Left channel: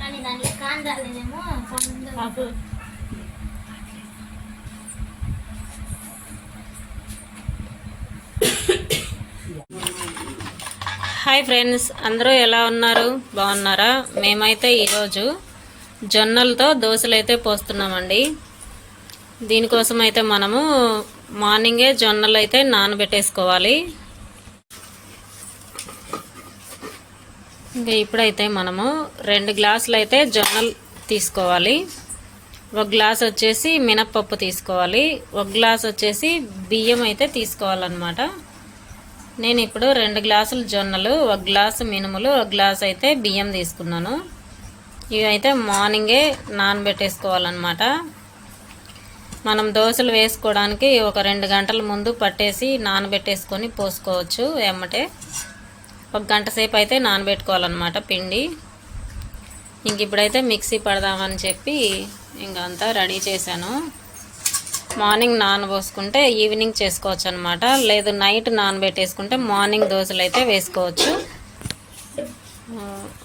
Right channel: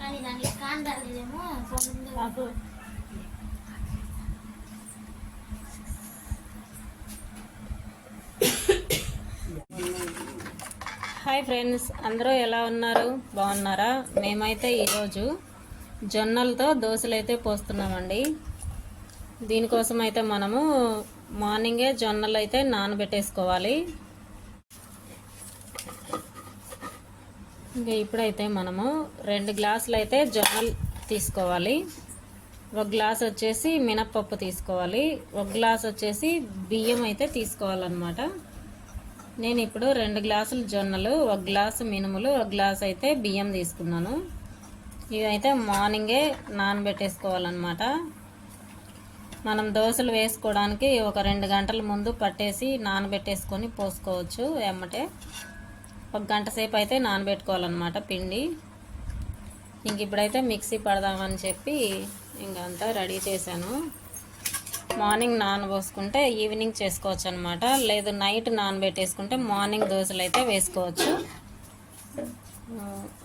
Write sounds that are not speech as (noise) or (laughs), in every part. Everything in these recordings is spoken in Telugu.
కానీ దానికి హాయ్ ఫ్రెండ్స్ అందరూ ఎలా ఉన్నారు? బాగున్నారా? మేమైతే ఈరోజు జొన్నలతో దోశలు అయితే పోస్తున్నామండి. దీనికోసం అయితే మనము మార్నింగే జొన్నలు అయితే నానబెట్టేసుకోవాలి. ఇంకా ఇప్పుడైతే మనము రెండు గ్లాసులు అయితే జొన్నలు తీసుకోవాలి. ఒక గ్లాస్ వచ్చేసి మినప్పప్పు తీసుకోవాలి. ఒక గ్లాస్ వచ్చేసి బియ్యం అయితే తీసుకోవాలన్నమాట. నేను ఇప్పుడు రెండు గ్లాసులు జొన్నలు ఒక గ్లాసు మినుములు ఒక గ్లాస్ అయితే బియ్యం తీసుకున్నాను. ఇవైతే మార్నింగే నానబెట్టేసుకోవాలన్నమాట. మనం దోశలు వేసుకోవడానికి ఒక రెండు గంటల ముందు పట్టేసి నానబెట్టేసుకొని పోసుకోవచ్చు ఎమ్మటే. ఒక గంట సేపు అయితే నానబెట్టుకోవాలన్నమాట పిండి. ఇంక ఇప్పుడైతే మిక్సీ పడదామని చెప్పి ఇంక అంతా రెడీ చేశాను. మార్నింగ్ నానబోసుకుంటే ఈవినింగ్ చేసుకోవచ్చు అనమాట లేదు నైట్ నానబెట్టేసుకుంటే మార్నింగ్ దోశలు అయితే వేసుకోవచ్చు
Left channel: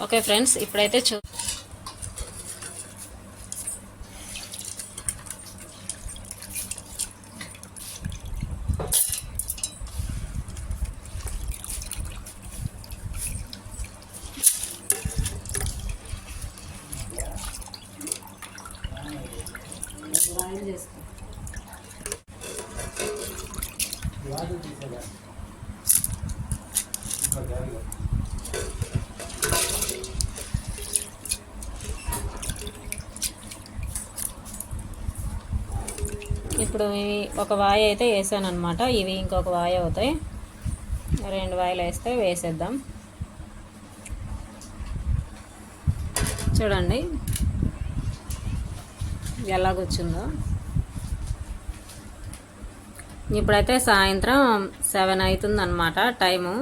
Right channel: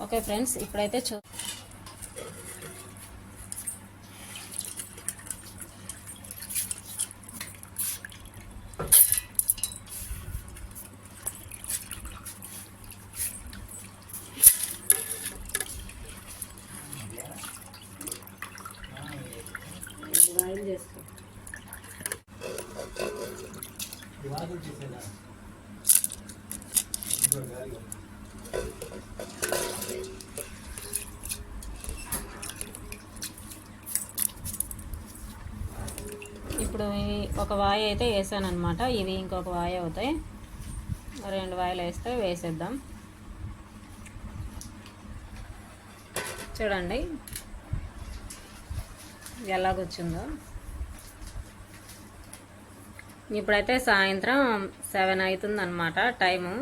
ఓకే ఫ్రెండ్స్ ఇప్పుడైతే చూ ఇప్పుడు ఒక వాయి అయితే వేసాను అనమాట ఇవి ఇంకొక వాయి అవుతాయి. రెండు వాయిలు వేస్తే వేసేద్దాం. చూడండి. ఎలా ఇప్పుడైతే సాయంత్రం సెవెన్ అవుతుంది అనమాట టైము.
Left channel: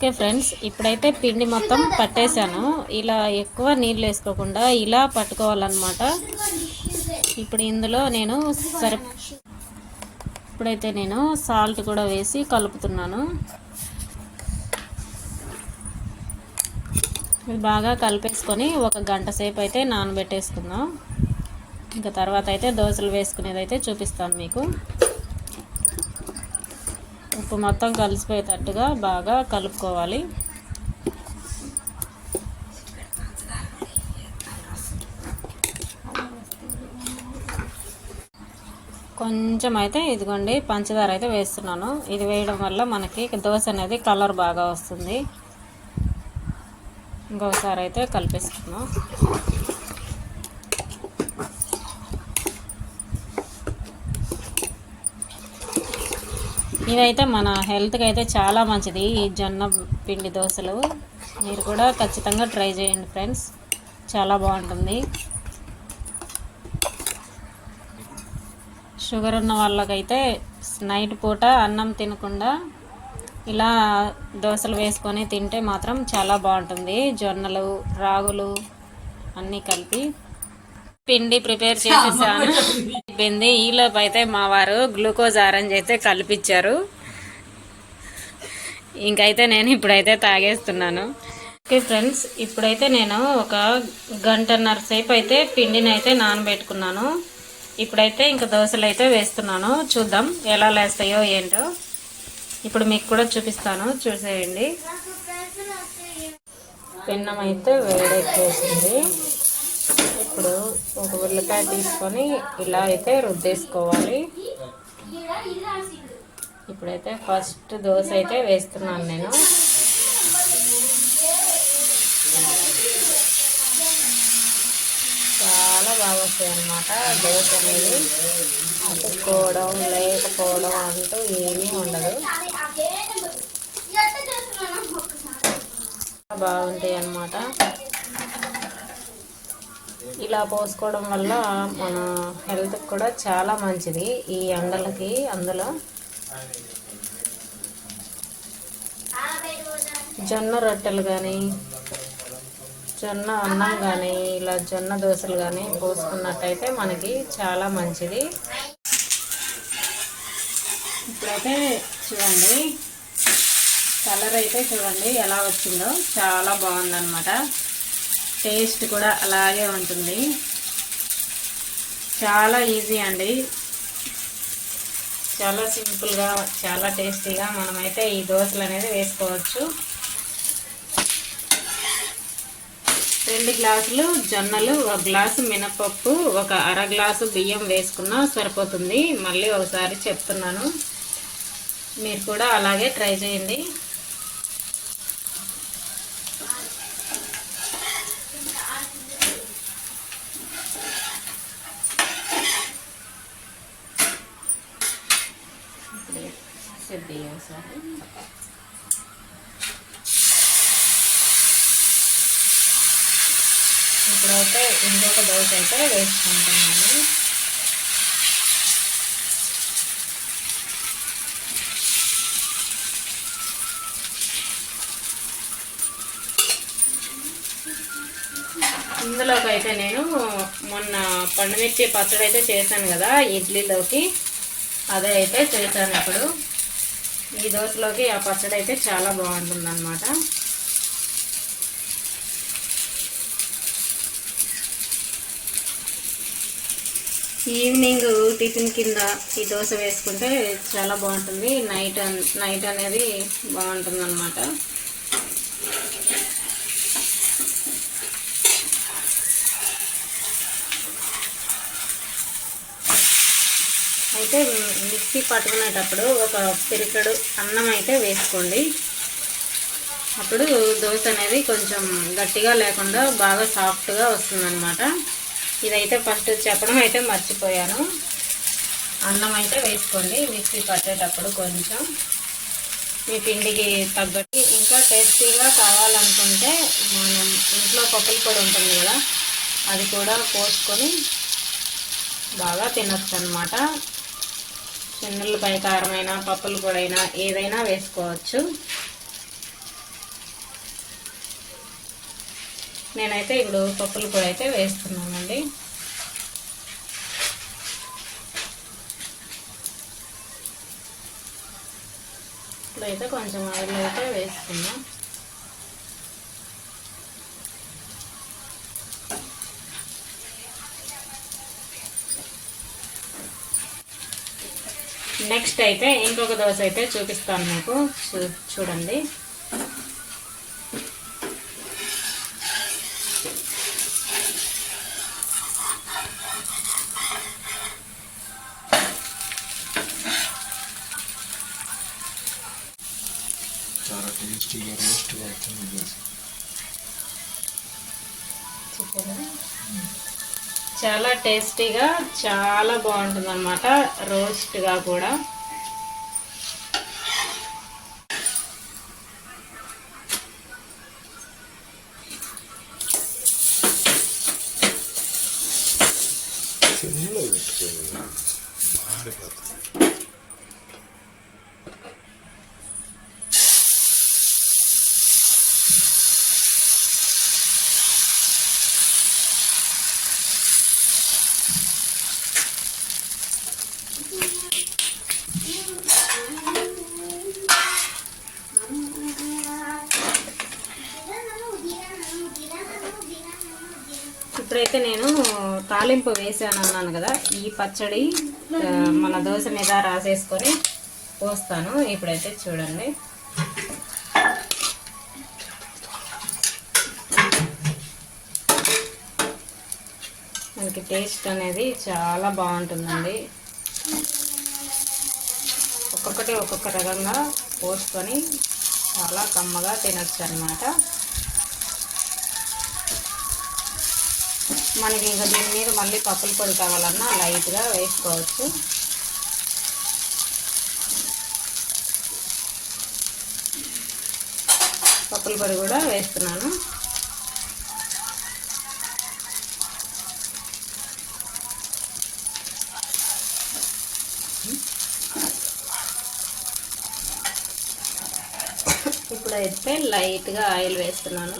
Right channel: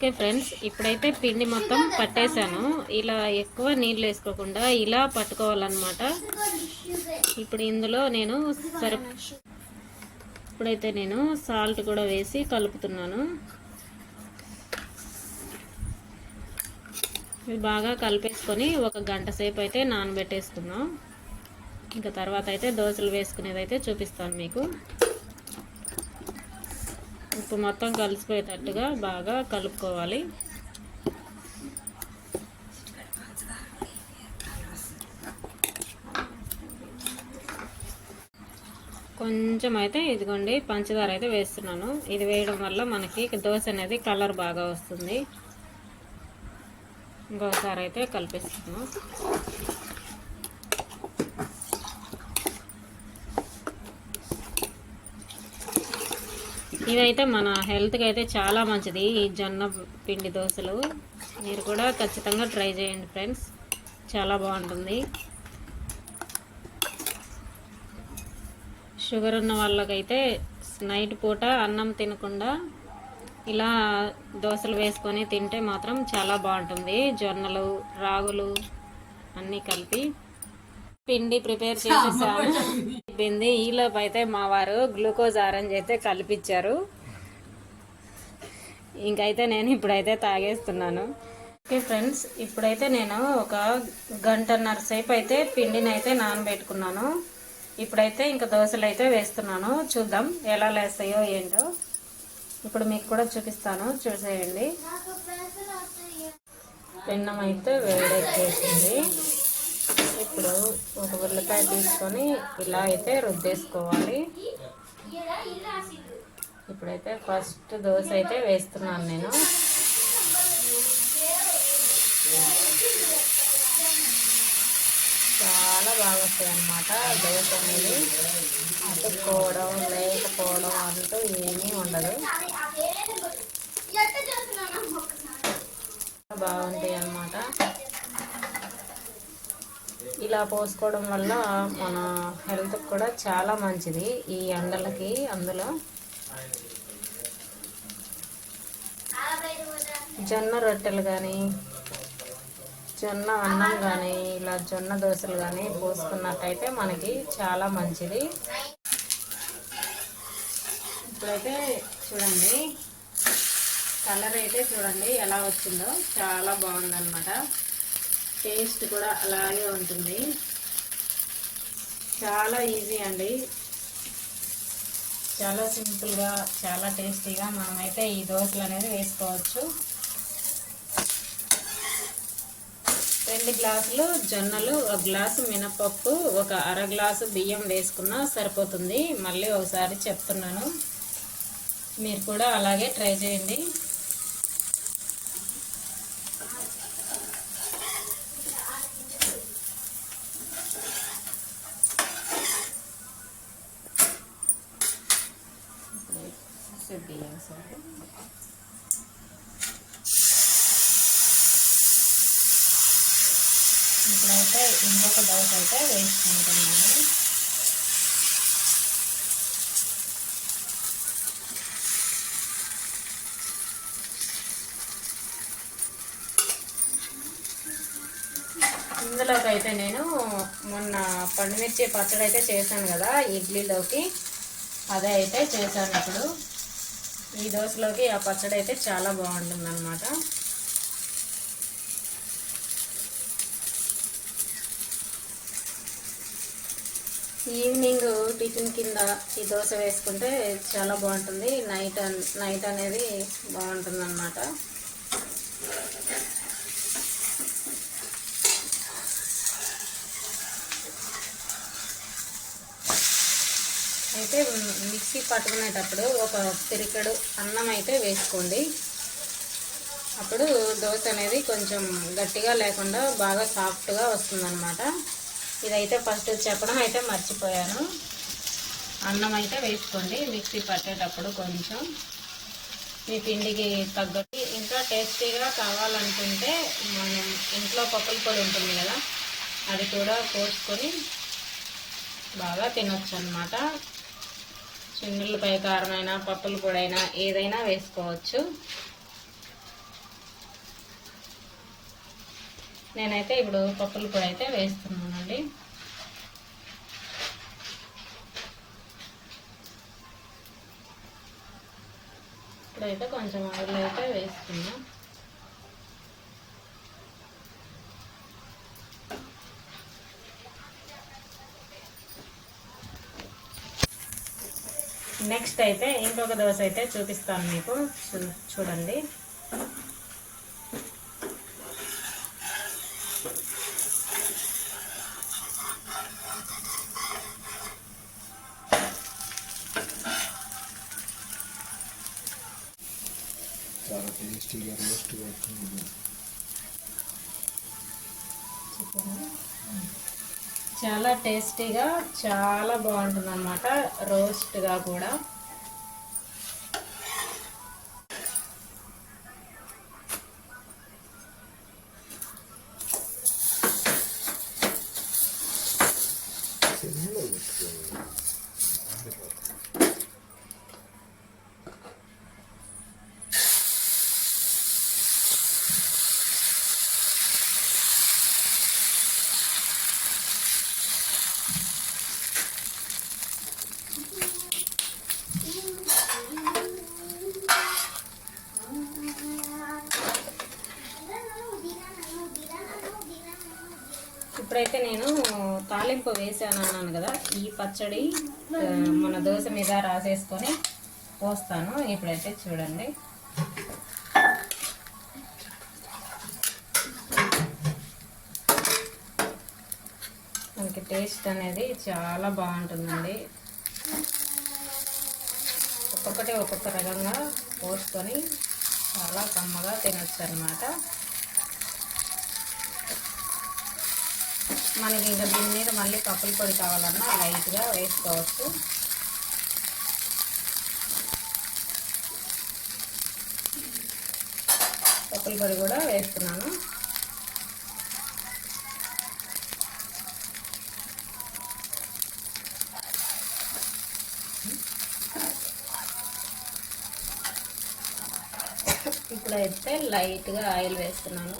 ఓకే ఫ్రెండ్స్ ఇప్పుడైతే పిండి మొత్తం పట్టేశాను. ఇలా ఎక్కువ నీళ్ళు వేసుకోకుండా ఇలా పట్టుకోవాలన్నమాట. ఇప్పుడు ఇందులో నేను సరి ఇప్పుడైతే నేను సాల్ట్ కూడా వేసి కలుపుతున్నాను. ఇది బాగా కలిపేసుకొని ఒక గంట సేపు అయితే నానబెట్టేసుకుందాం. ఇంకా తర్వాత అయితే దోశలు వేసుకునేది అయితే చూపిస్తాను మీకు. ఉప్పు మొత్తం కలిసిపోయేటట్టుగా బాగా కలుపుకోవాలి. కొంచెం అయితే ఇదిగోండి పంచదార అయితే వేస్తున్నాను. ఇది వేయడం వల్ల మనకి దోశ అనేది కలర్ బాగా వస్తుంది. ఇంకొకసారి అయితే కలిపేసుకున్నాం ఇవైతే మన హెల్త్కి అయితే చాలా మంచిది ఈ జొన్న పిండి దోశలు. మీరు కూడా ఖచ్చితంగా ట్రై చేయండి ఫ్రెండ్స్. చాలా బాగుంటుంది. షుగర్ ఉన్న వాళ్ళకైతే నైట్ పూట అన్నం తినకుండా ఇలా దోశలు వేసుకొని తింటే మాత్రం చాలా బాగుంటుంది. జొన్నలు రాగులు అన్నీ కలిపి పిండి ప్రిపేర్ చేసేసాను. అయిపోయింది ఈలోపు అయితే మా వారు గ్లూకోజ్ ఆరెంజ్ అయితే కలిపిచ్చారు. ఇంకైతే నేను ఇప్పుడైతే తాగేస్తున్నాను. ఓకే ఫ్రెండ్స్ ఇప్పుడైతే నేను ఒక గంటన్నర సేపు అయితే పిండిని అయితే నానబెట్టుకున్నాను. ఇప్పుడైతే ఇంకా దోశలు అయితే వేస్తున్నాను. చూద్దాం ఎలా లేస్తాయో ఏంటో. ఇప్పుడు మీకు కూడా చూపిస్తాను. చూసేయండి. పెన్నం అయితే వేడెక్కేసింది. ఇప్పుడు ఒక ఉల్లిపాయ తీసుకొని ఇలా అయితే రుద్దేసుకోవాలి. ఇప్పుడైతే ఫస్ట్ దోశ అయితే వేస్తున్నాను నేను. చాలా బాగా వస్తాయి అన్నమాట దోశ అనేది అతుక్కోవడం లేకపోవడం అంటూ ఏమీ ఉండదు. బాగుంటాయి అన్నమాట. ఇలా పోసుకోవడం వల్ల మన హెల్త్ కూడా చాలా మంచిది. ఈ ఎండలకి అందులో జొన్న రొట్టెలు కానీ జొన్న అన్నం కానీ ఇలా జొన్న దోశలు కానీ పోసుకున్నట్టయితే మనకి చాలా మంచిది. ఇప్పుడైతే చూడండి కలర్ అయితే చూడండి ఎలా వచ్చిందో. చాలా బాగుందన్నమాట. టేస్ట్ కూడా అలాగే ఉంటుంది. చాలా ఈజీ అండి. చాలా సింపుల్గా చాలా టేస్టీగా మనమైతే ఈ దోశలు అనేది వేసుకోవచ్చు. రెండు గ్లాసులు జొన్నలు ఒక గ్లాసు మినపప్పు ఒక అర గ్లాసు బియ్యం వేసుకున్నా సరిపోతుంది. మళ్ళీ ఒకసారి చెప్తున్నాను. మీరు కూడా అలాగే ట్రై చేయండి బియ్యం ఒకసారి ఇప్పుడైతే ఇంకొక దోశ అయితే వేసుకుంటున్నాను. ఇందులోకి అయితే నేను మొన్న పండుమిర్చి పచ్చడి అయితే చేశాను కదా ఇడ్లీలోకి. అదే అయితే చేశాను ఇప్పుడు. ఈ దోశలోకి ఆ పచ్చడి అయితే చాలా బాగుంటుంది ఈవినింగ్ టిఫిన్ కింద ఈ దోశ వేసుకుంటే చాలా బాగుంటుంది. నైట్ నైట్ అనేది బాగుంటుంది అనమాట అయితే మిక్సీ పట్టుకునేటప్పుడు ఒక పిరికడు అన్నం అయితే వేసుకోండి. అప్పుడు దోశ అనేది కొంచెం గట్టిగా లేకుండా బాగా సాఫ్ట్గా వస్తుందన్నమాట. ఇదైతే ఫస్ట్ చెప్పడం అయితే మర్చిపోయాను. అన్నం అయితే వేసుకోండి మిక్సీ పట్టేటప్పుడు కొంచెం. మీ పిండికి తగ్గట్టు. ఇంకా టేస్టీగా కావాలనుకుంటే మనం ఇంట్లో పప్పుల పొడి ఉంటుంది కదా అది కూడా పోసుకొని బాగా తినొచ్చు అనమాట చిన్నులపై కారమైనా పప్పుల పొడైనా ఏదైనా వేసుకోవచ్చు. నేనైతే ఇప్పుడు పప్పుల పొడి అయితే వేస్తున్నానండి. ఇప్పుడైతే కొంచెం ఆయిల్ అయితే వేసుకుందాం నెక్స్ట్ అయితే ఇంకొక దోశ అయితే చూపిస్తాను మీకు. చూ చూడండి. చాలా టేస్టీగా చాలా బాగుంటుందన్నమాట రోస్ట్గా కూడా. మారిపోతుంది ఇప్పుడైతే నేను తాలింపు వేసాను అన్నాను కదా ఈ పచ్చడి మన దోశ మీద రాసేసుకొని పోస్తాను. ఇప్పుడైతే చూడండి. మనకి టేస్ట్ అనేది చాలా బాగుంటుందండి. ఒక్కొక్కటి ఒక్కొక్క రకంగా పోసుకొని చాలా కమ్మగా తినచ్చు అనమాట మనకి ఇంకా దీని మీద మళ్ళీ పప్పుల పొడి కావాలన్నా లైట్గా వేసుకోవచ్చు. పప్పుల పొడి కూడా వేస్తున్నాను. ఇప్పుడైతే లైట్గా ఆయిల్ వేస్తున్నాను.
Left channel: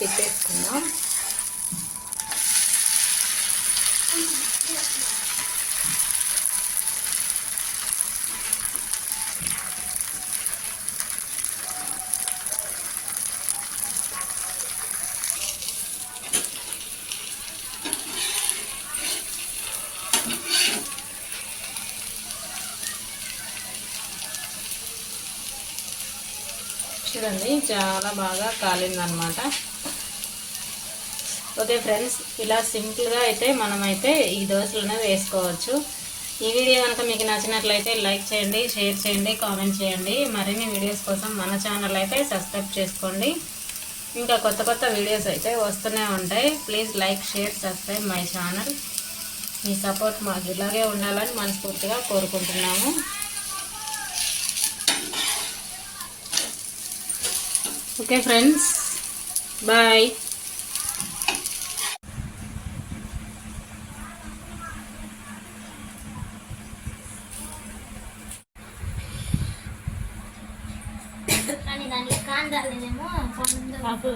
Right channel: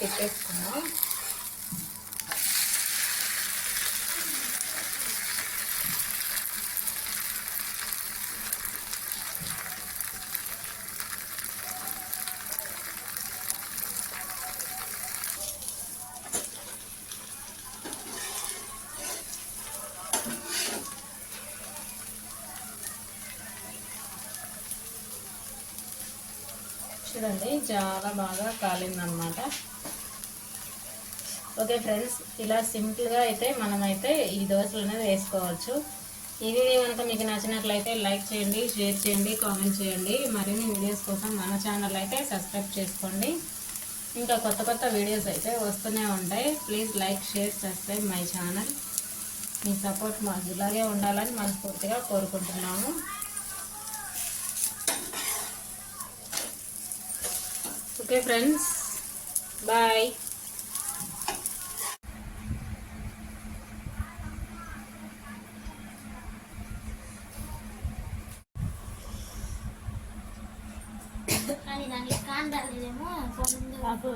పెట్టేసుకుందాం. చూడండి చాలా బాగా కాలిందనమాట ఓకే ఫ్రెండ్స్ ఇలా సింపుల్గా అయితే మనమైతే ఈ దోశలను వేసుకోవచ్చు. ఈ వీడియో కనుక మీకు నచ్చినట్లయితే లైక్ చేయండి షేర్ చేయండి కామెంట్ చేయండి. మరిన్ని వీడియోస్ కోసం మన ఛానల్ అయితే సబ్స్క్రైబ్ చేసుకోండి. ఇంకా కొత్త కొత్త వీడియోస్ అయితే వస్తూనే ఉంటాయి. Please like share subscribe my channel. Me support మాకు ఇలాగే ఉండాలని మనస్ఫూర్తిగా కోరుకుంటున్నాము. Okay friends bye. 啊 (laughs) 不